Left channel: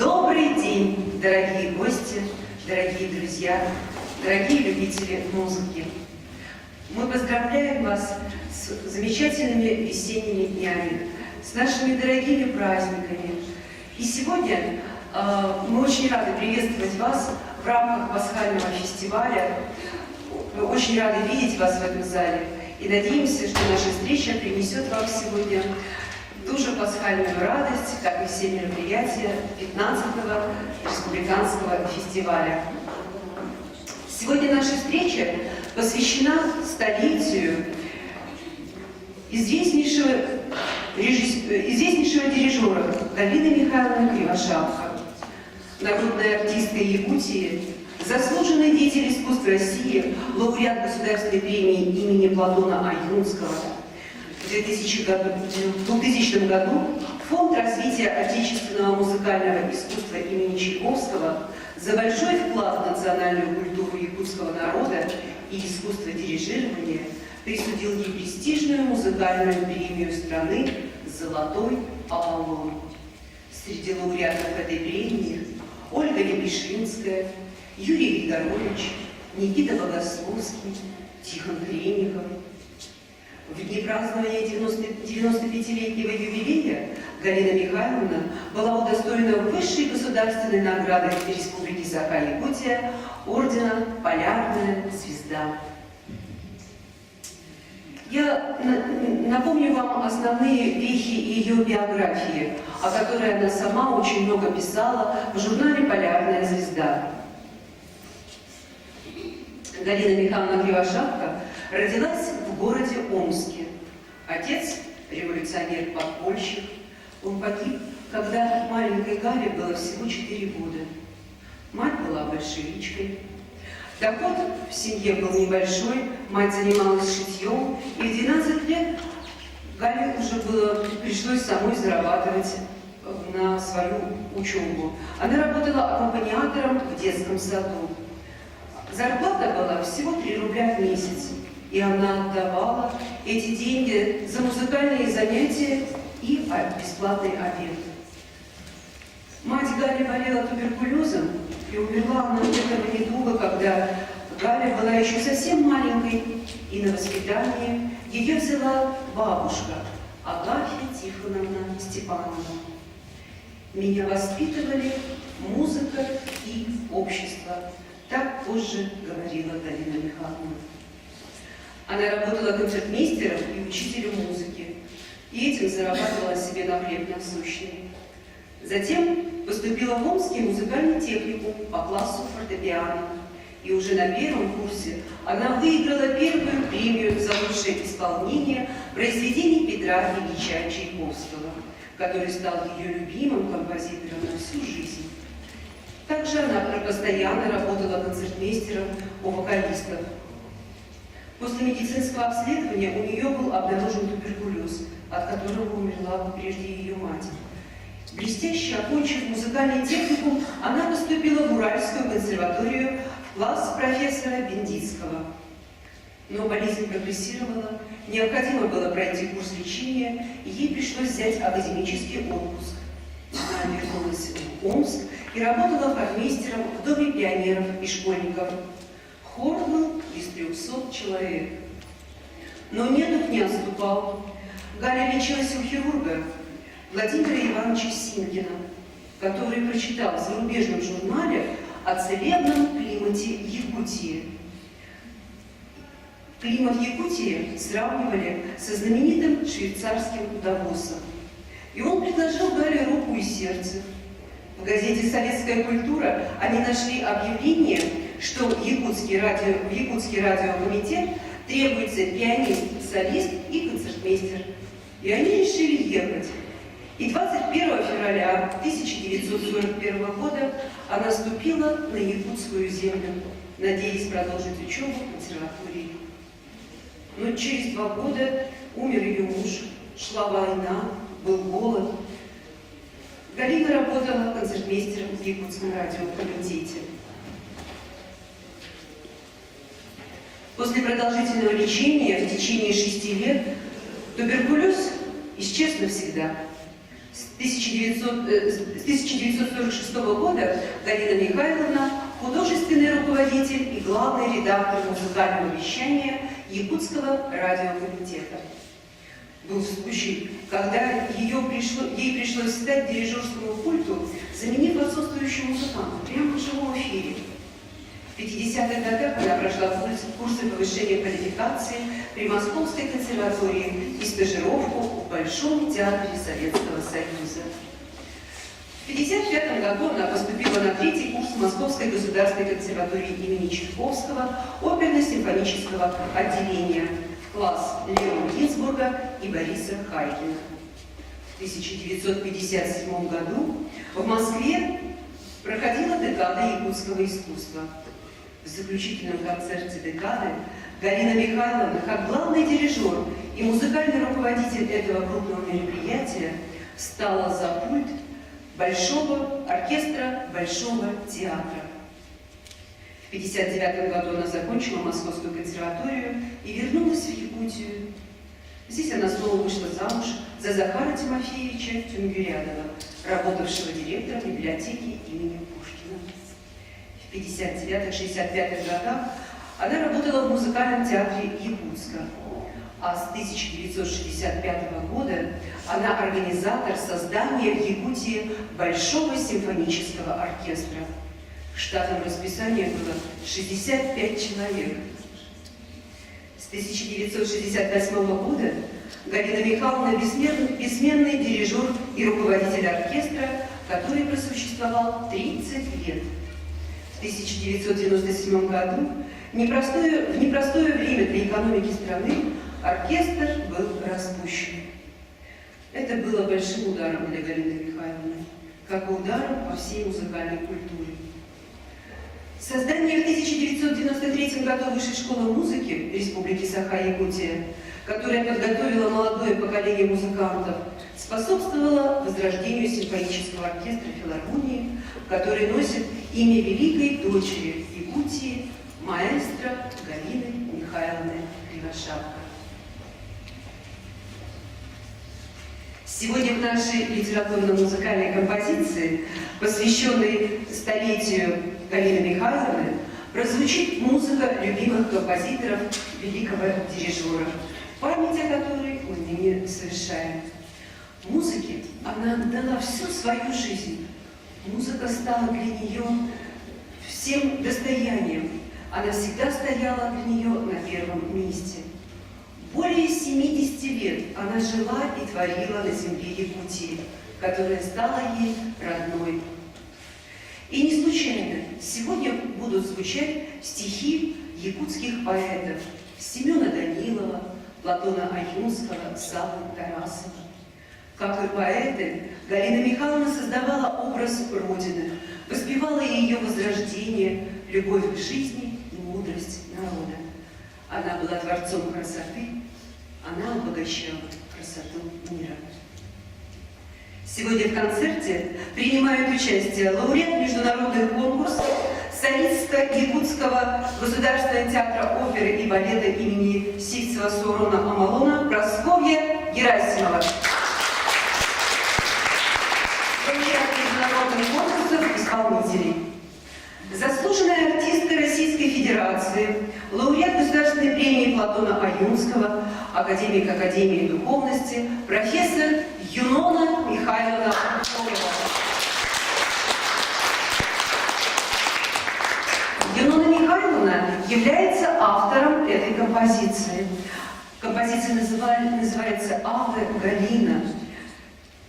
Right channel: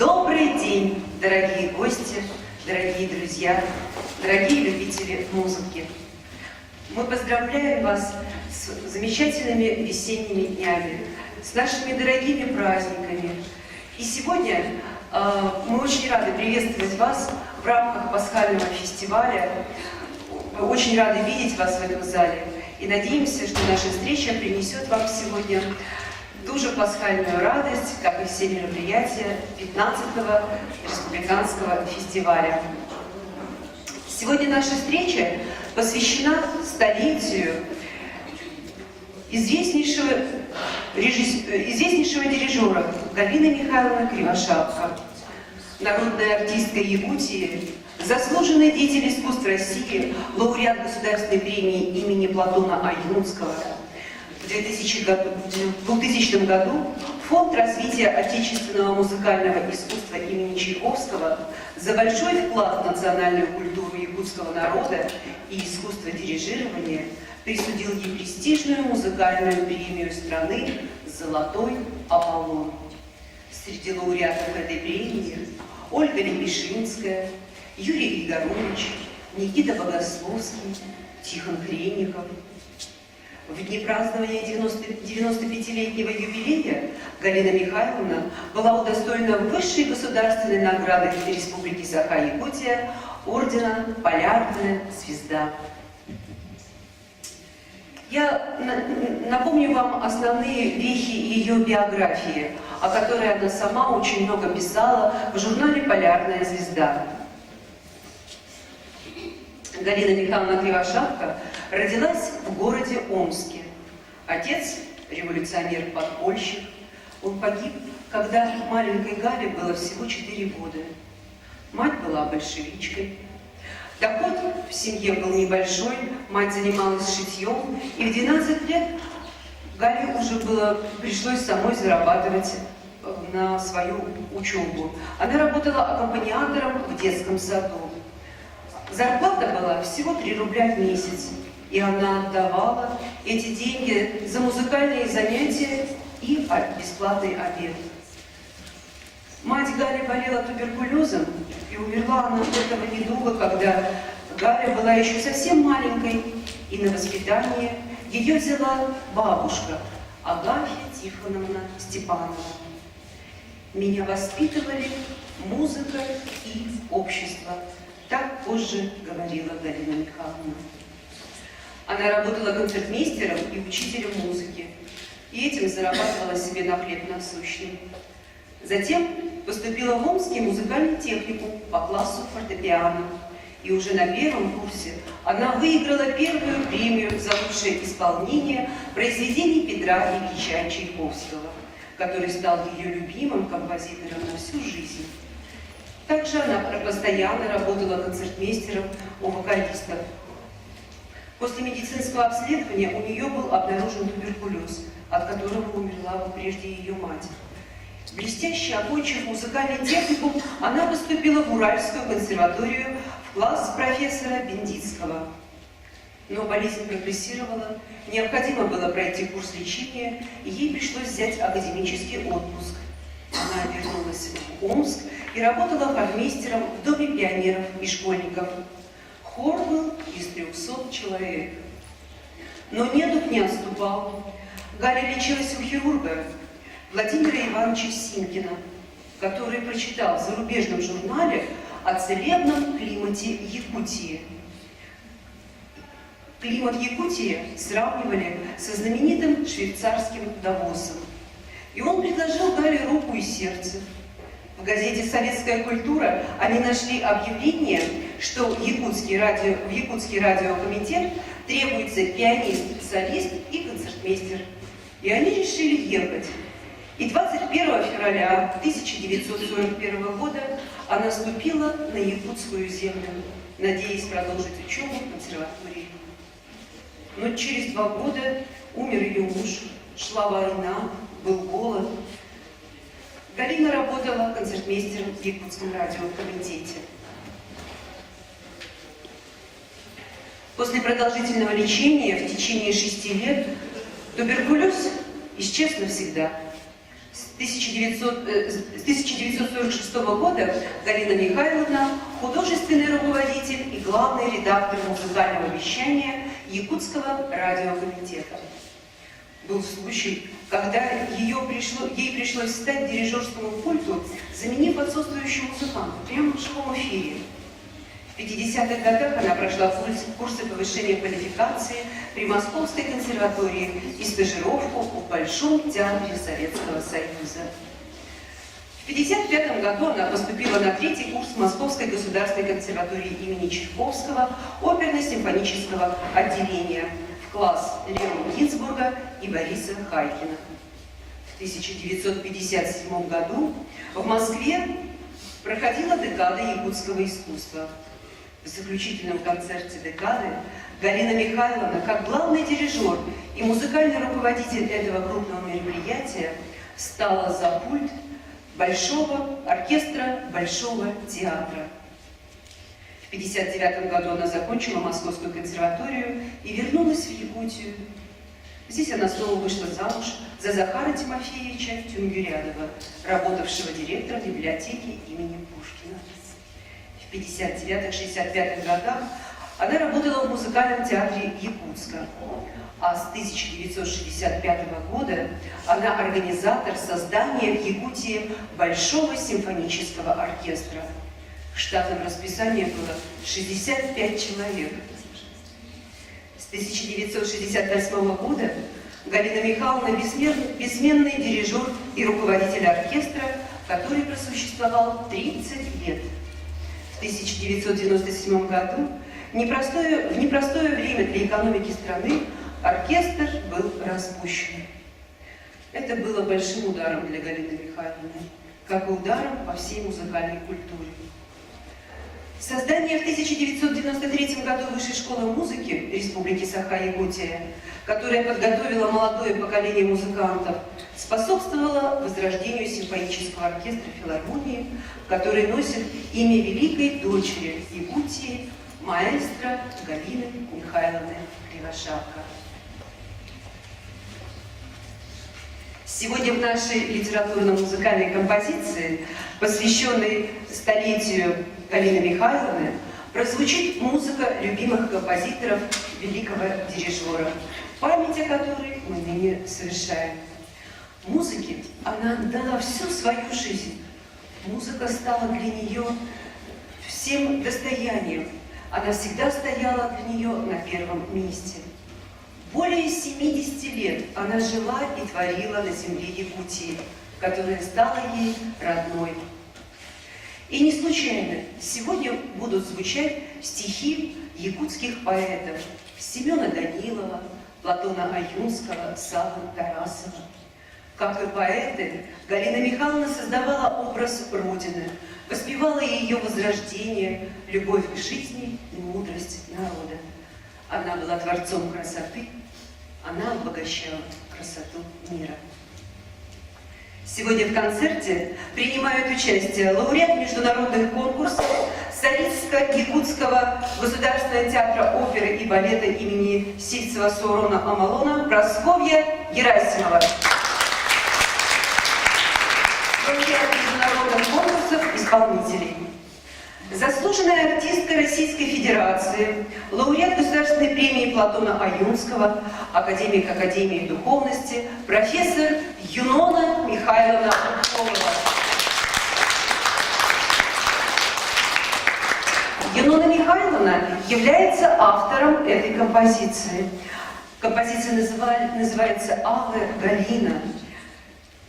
Добрый день, дорогие гости, дорогие друзья, дорогие любители музыки. Мы поздравляем вас с замечательными весенними днями, с нашими дорогими праздниками. И сегодня мы очень рады приветствовать вас в рамках пасхального фестиваля. Мы очень рады видеть вас в этом зале и надеемся, что наша встреча принесет вам сегодня ту же пасхальную радость, как и все мероприятия 15-го республиканского фестиваля. Сегодня наша встреча посвящена столетию известнейшего дирижера Галины Михайловны Кривошапко, народная артистка Якутии, заслуженный деятель искусств России, лауреат Государственной премии имени Платона Аюнского. В 2000 году Фонд развития отечественного музыкального искусства имени Чайковского за большой вклад в национальную культуру якутского народа и искусство дирижирования присудил ей престижную музыкальную премию страны «Золотой Аполлон». Среди лауреатов этой премии Ольга Лепешинская, Юрий Григорович, Никита Богословский, Тихон Хренников. В дни празднования 95-летнего юбилея Галина Михайловна была удостоена высшей государственной награды Республики Саха-Якутия ордена «Полярная звезда». Я напомню вам основные вехи ее биографии, о которой она сама очень много писала в журнале «Полярная звезда». Галина Михайловна Кривошапко родилась в городе Омске. Отец – революционер-подпольщик. Он погиб, когда маленькой Гале было всего 4 года. Мать была большевичкой. Доход в семье был небольшой, мать занималась шитьем, и в 12 лет Гале уже пришлось самой зарабатывать на свою учебу. Она работала аккомпаниатором в детском саду. Зарплата была всего 3 рубля в месяц, и она отдавала эти деньги за музыкальные занятия и бесплатный обед. Мать Гали болела туберкулезом, и умерла она от этого недуга, когда Галя была еще совсем маленькой, и на воспитание ее взяла бабушка Агафья Тихоновна Степанова. Меня воспитывали музыка и общество. Так позже говорила Галина Михайловна. Она работала концертмейстером и учителем музыки, и этим зарабатывала себе на хлеб насущный. Затем поступила в Омский музыкальный техникум по классу фортепиано, и уже на 1-м курсе она выиграла первую премию за лучшее исполнение произведений Петра Ильича Чайковского, который стал ее любимым композитором на всю жизнь. Также она постоянно работала концертмейстером у вокалистов. После медицинского обследования у нее был обнаружен туберкулез, от которого умерла прежде ее мать. Блестяще окончив музыкальный техникум, она поступила в Уральскую консерваторию в класс профессора Бендицкого. Но болезнь прогрессировала, необходимо было пройти курс лечения, и ей пришлось взять академический отпуск. Она вернулась в Омск и работала хормейстером в Доме пионеров и школьников. Хор был из 300 человек. Но недуг не отступал. Галя лечилась у хирурга Владимира Ивановича Синкина, который прочитал в зарубежном журнале о целебном климате Якутии. Климат Якутии сравнивали со знаменитым швейцарским Давосом. И он предложил Гале руку и сердце. В газете «Советская культура» они нашли объявление, что в Якутский радиокомитет требуется пианист, солист и концертмейстер. И они решили ехать. И 21 февраля 1941 года она ступила на якутскую землю, надеясь продолжить учебу в консерватории. Но через 2 года умер ее муж, шла война, был голод. Галина работала концертмейстером в Якутском радиокомитете. После продолжительного лечения в течение 6 лет туберкулез исчез навсегда. С 1946 года Галина Михайловна – художественный руководитель и главный редактор музыкального вещания Якутского радиокомитета. Был случай, когда ей пришлось встать к дирижерскому пульту, заменив отсутствующего музыканта прямо в живом эфире. В 50-х годах она прошла курсы повышения квалификации при Московской консерватории и стажировку в Большом театре Советского Союза. В 1955 году она поступила на 3-й курс Московской государственной консерватории имени Чайковского оперно-симфонического отделения в класс Лео Гинзбурга и Бориса Хайкина. В 1957 году в Москве проходила декада якутского искусства. В заключительном концерте декады Галина Михайловна, как главный дирижер и музыкальный руководитель этого крупного мероприятия, встала за пульт Большого оркестра Большого театра. В 1959 году она закончила Московскую консерваторию и вернулась в Якутию. Здесь она снова вышла замуж за Захара Тимофеевича Тюмгюрядова, работавшего директором библиотеки имени Пушкина. В 1959-1965 годах она работала в музыкальном театре Якутска, а с 1965 года она организатор создания в Якутии Большого симфонического оркестра. В штатном расписании было 65 человек. С 1968 года Галина Михайловна бессменный дирижер и руководитель оркестра, который просуществовал 30 лет. В 1997 году, в непростое время для экономики страны, оркестр был распущен. Это было большим ударом для Галины Михайловны, как и ударом по всей музыкальной культуре. Создание в 1993 году Высшей школы музыки Республики Саха-Якутия, которая подготовила молодое поколение музыкантов, способствовало возрождению симфонического оркестра филармонии, который носит имя великой дочери Якутии, маэстро Галины Михайловны Кривошапко. Сегодня в нашей литературно-музыкальной композиции, посвященной столетию Галины Михайловны, прозвучит музыка любимых композиторов великого дирижера, память о которой мы ныне совершаем. Музыке она дала всю свою жизнь. Музыка стала для нее всем достоянием. Она всегда стояла для нее на первом месте. Более 70 лет она жила и творила на земле Якутии, которая стала ей родной. И не случайно сегодня будут звучать стихи якутских поэтов Семена Данилова, Платона Аюнского, Саввы Тарасова. Как и поэты, Галина Михайловна создавала образ Родины, воспевала ее возрождение, любовь к жизни и мудрость народа. Она была творцом красоты, она обогащала красоту мира. Сегодня в концерте принимают участие лауреат международных конкурсов Солистско-Якутского государственного театра оперы и балета имени Сивцева-Саурона-Амалона Прасковья Герасимова. Лауреат международных конкурсов исполнителей. Заслуженная артистка Российской Федерации, лауреат Государственной премии Платона Аюнского, академик Академии духовности, профессор Юнона Михайловна Ушкова. Юнона Михайловна является автором этой композиции. Композиция называется «Аве Галина».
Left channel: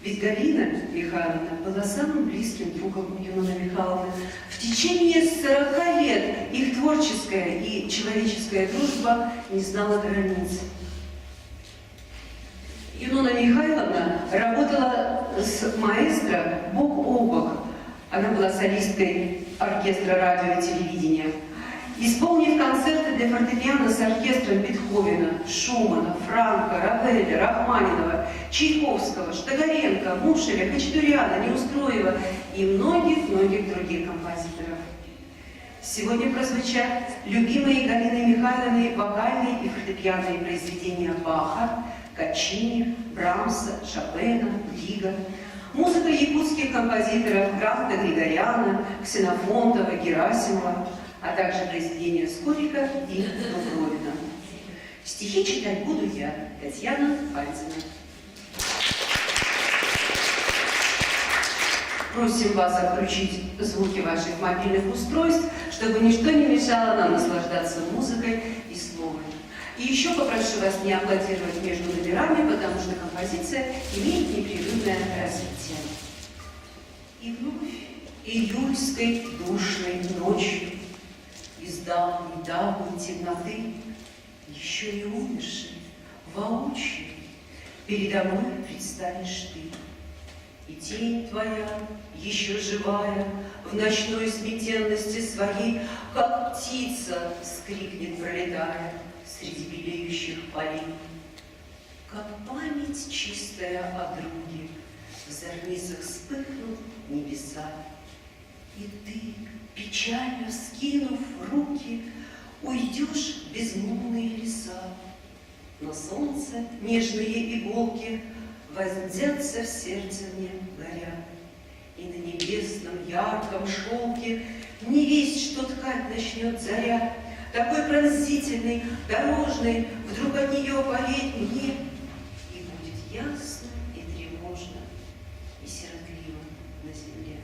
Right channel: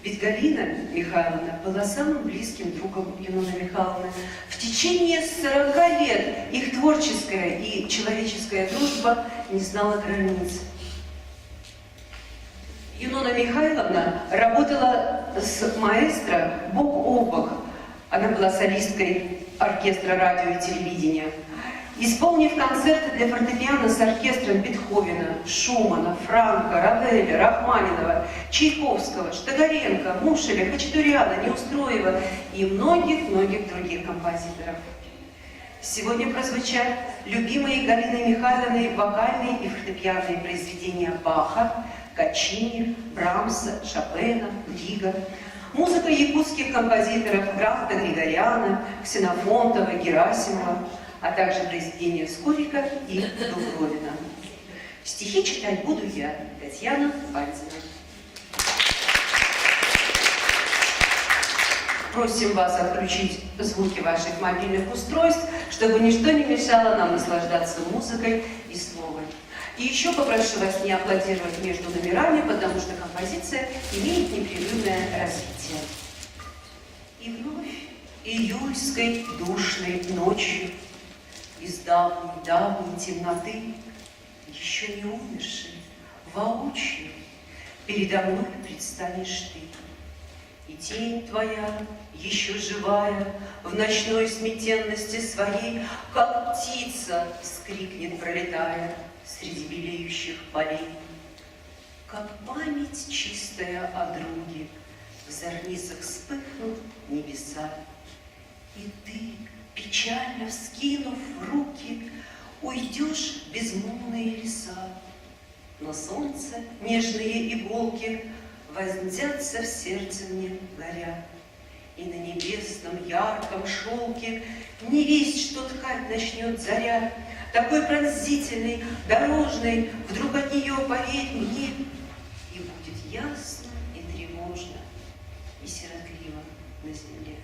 Ведь Галина Михайловна была самым близким другом Юноны Михайловны. В течение 40 лет их творческая и человеческая дружба не знала границ. Юнона Михайловна работала с маэстро бок о бок. Она была солисткой оркестра радио и телевидения. Исполнив концерты для фортепиано с оркестром Бетховена, Шумана, Франка, Равеля, Рахманинова, Чайковского, Штагаренко, Мушеля, Хачатуряна, Неустроева и многих-многих других композиторов. Сегодня прозвучат любимые Галиной Михайловной вокальные и фортепианные произведения Баха, Качини, Брамса, Шопена, Рига, Музыка якутских композиторов Крафта, Григоряна, Ксенофонтова, Герасимова, а также произведения Скорика и Дубровина. Стихи читать буду я, Татьяна Пальцина. Просим вас отключить звуки ваших мобильных устройств, чтобы ничто не мешало нам наслаждаться музыкой и словом. И еще попрошу вас не аплодировать между номерами, потому что композиция имеет непрерывное развитие. И вновь июльской душной ночью из давней темноты, еще не умерший, воочию передо мной предстанешь ты. И тень твоя, еще живая, в ночной сметенности своей, как птица вскрикнет, пролетая среди белеющих полей. Как память чистая о друге, в зорницах вспыхнут небеса. И ты, печально вскинув руки, уйдешь в безмолвные леса. Но солнце, нежные иголки, вонзятся в сердце мне горя, и на небесном ярком шелке не весть, что ткать начнет заря, такой пронзительный, дорожный, вдруг от нее поверь мне, и будет ясно и тревожно, и сиротливо на земле.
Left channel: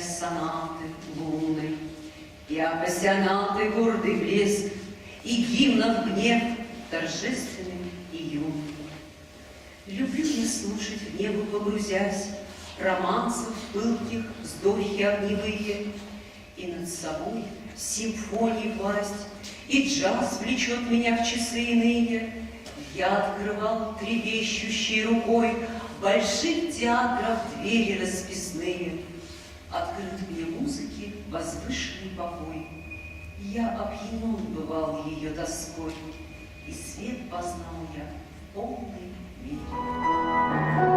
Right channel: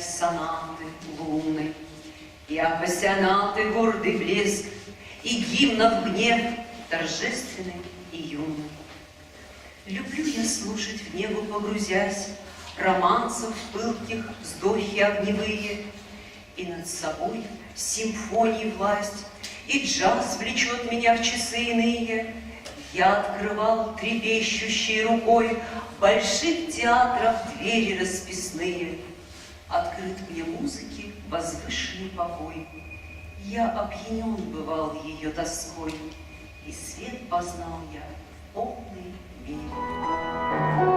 Сонаты лунной, и апассионаты гордый блеск, и гимнов гнев торжественный и юный. Люблю я слушать в небо погрузясь, романсов пылких вздохи огневые, и над собой симфонии власть, и джаз влечет меня в часы иные. Я открывал трепещущей рукой больших театров двери расписные. Открыт мне музыки возвышенный покой. Я опьянен бывал ее тоской, и свет познал я в полной мере.